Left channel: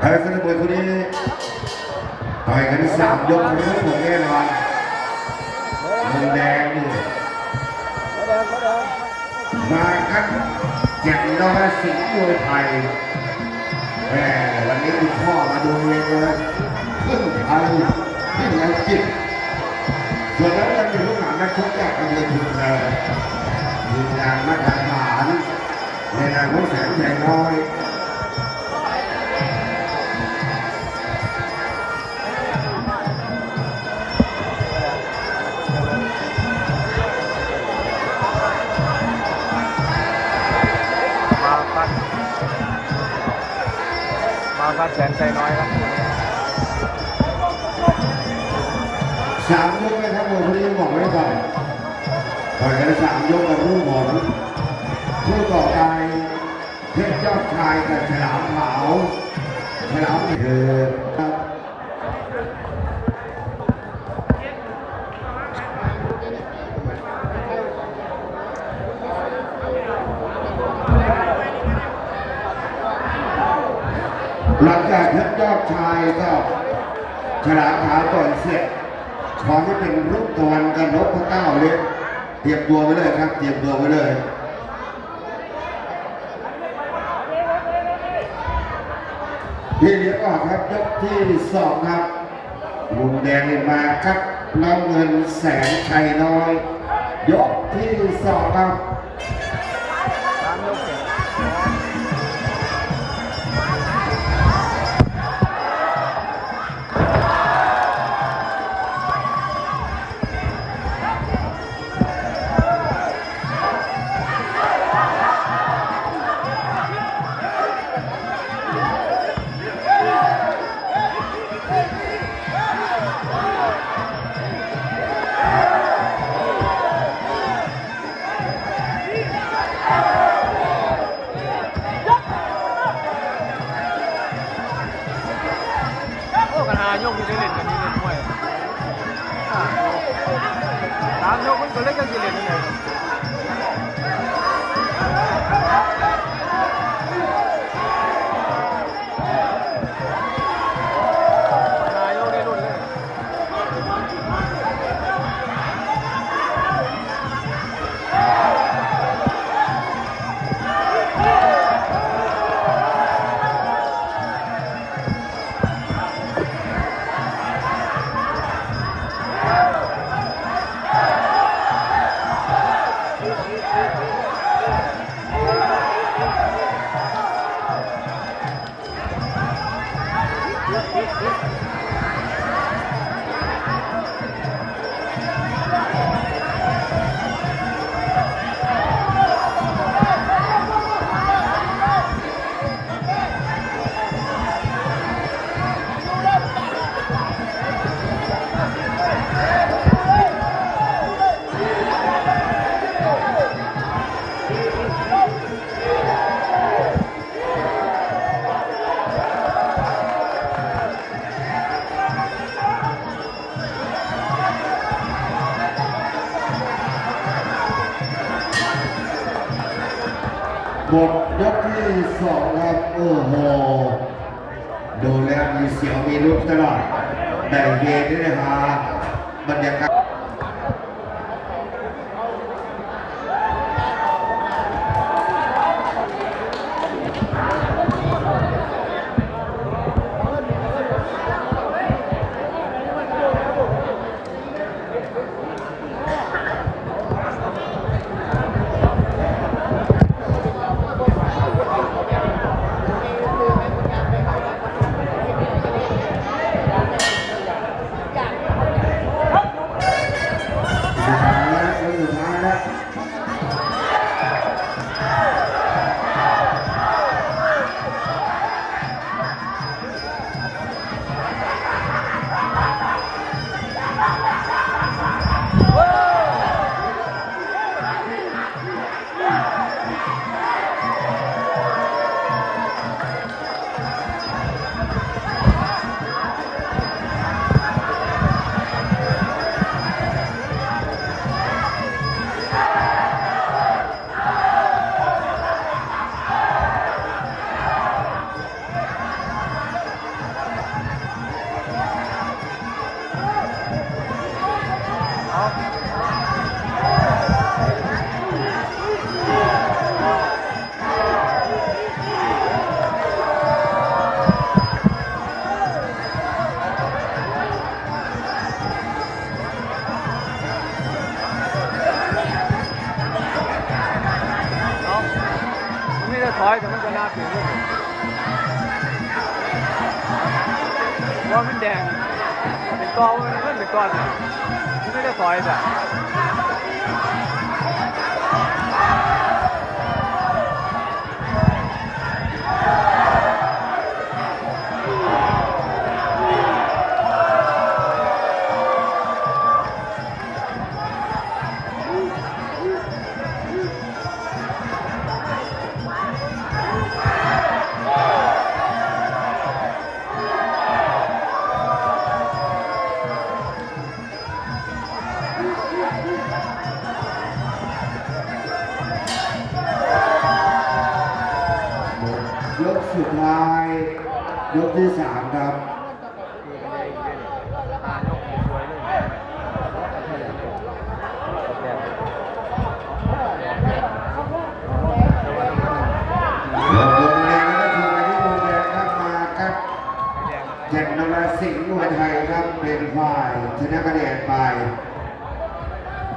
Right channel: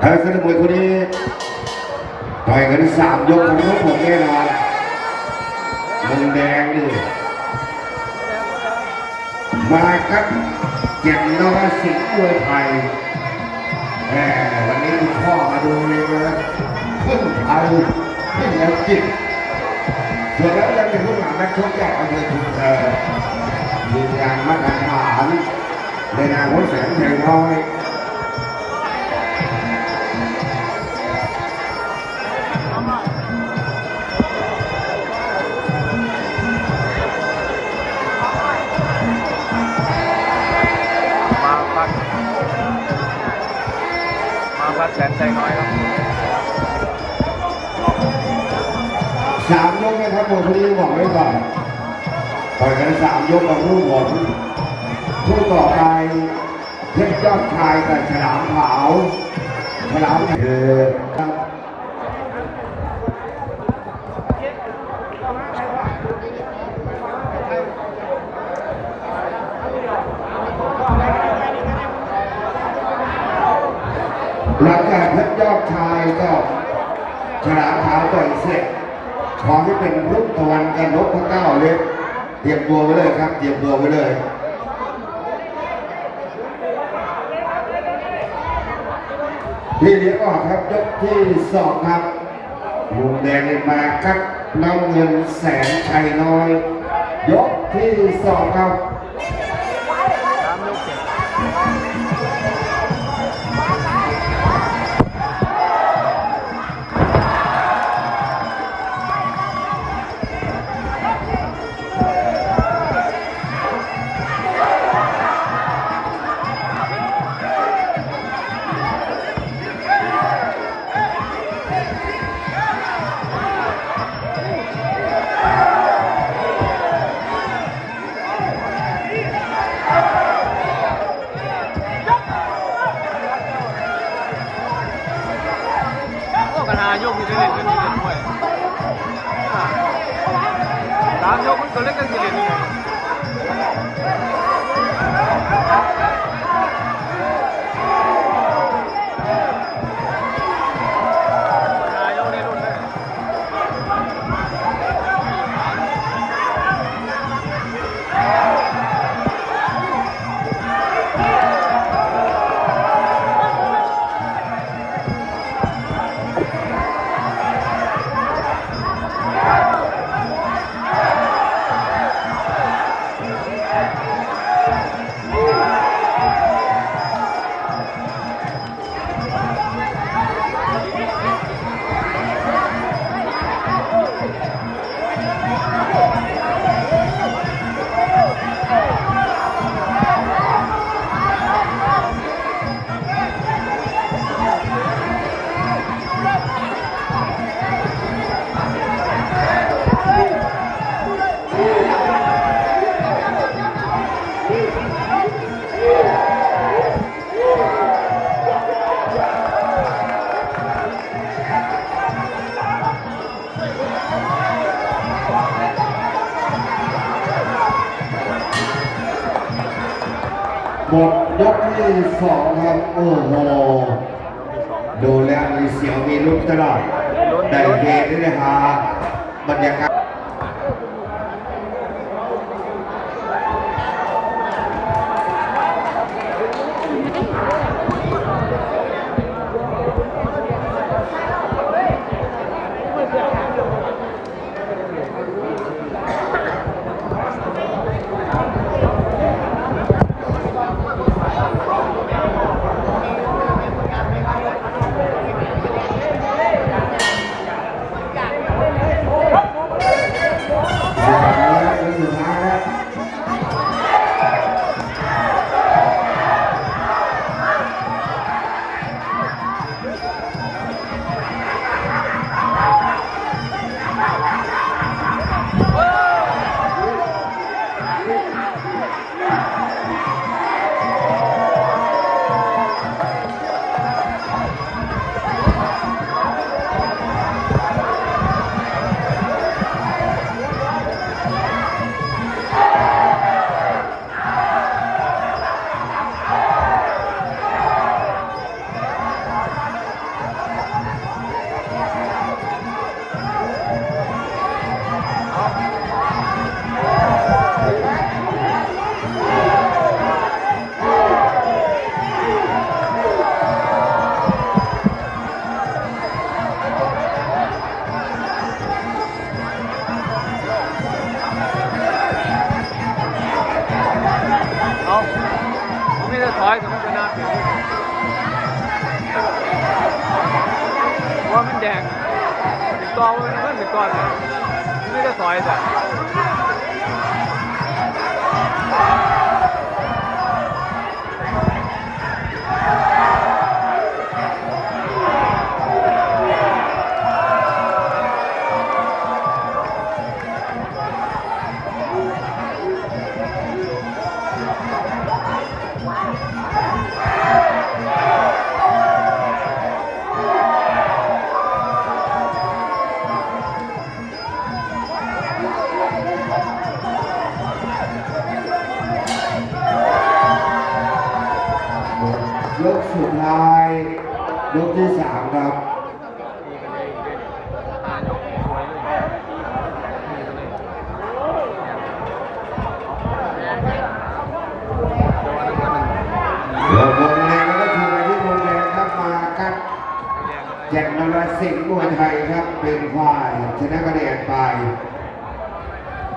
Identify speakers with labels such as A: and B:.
A: ไอ้สนามวยคนนี้ต่อยกันสามยกทั้งหมดแน่นอนมุมแดงนี่มาครับแก่งนรสิงห์มวยไทยแหมวันนี้คุณพ่อมาดูเลยนะพึ่งไทยพึ่งแล้วจิตส่วนแล้วยังมีลูกหลานนักชกจากอำเภอชุมแพทีมงานมาตรฐานในนามของแสงชัยน้อย
B: มาพัดแสนใจน้อยครับ
A: สามยกนะครับผมพอดีบอกไว้ก่อนต่อยกันสามยกกับรูปผลผู้ต่อไปเพชรเจ้าชายกับฉลามขาวฉลามเอ หลังจากเพชรยอดชายก็ฉลามขาวต่อยเสร็จของที่เป็นลูกตะวันกันนกพระเก้าเล็กเตรียมตัวไว้เลยครับเตรียมตัวไว้เลยพี่เลี้ยงออกครับยกที่สองครับมุมแดงมาครับน้ำเงินแสนชัยน้อย ยกที่สองครับ
B: หายกที่ได้เล่นกันนี่เล่นด้วยอ่าสามยกมันก็เล่นกันที่เล่นยังไง ห
A: มดยกที่สองครับโอ้โหดูแล้วมีเสียวมีลุ้นตลอดแต่เฮได้ฮะบรรยากาศ
B: ได้ถอยแต่มันก็น่าถึงว่ามันแดงเป็นกอมันมันเป็นตอเลยไม่ได้ถอยแต่
A: ยกสุดท้าย ยกที่สามครับ
B: เลยอีกเด้วยนี่อายกสวยเลยตีกันเลยโดนน้ำมัน
A: เดี๋ยววงแดงแล้วก็ทีมที่วงแดงครับมาครับ
B: แดง
A: นรสิงห์มวยไทยครับเป็นฝ่ายชนะคะแนนไป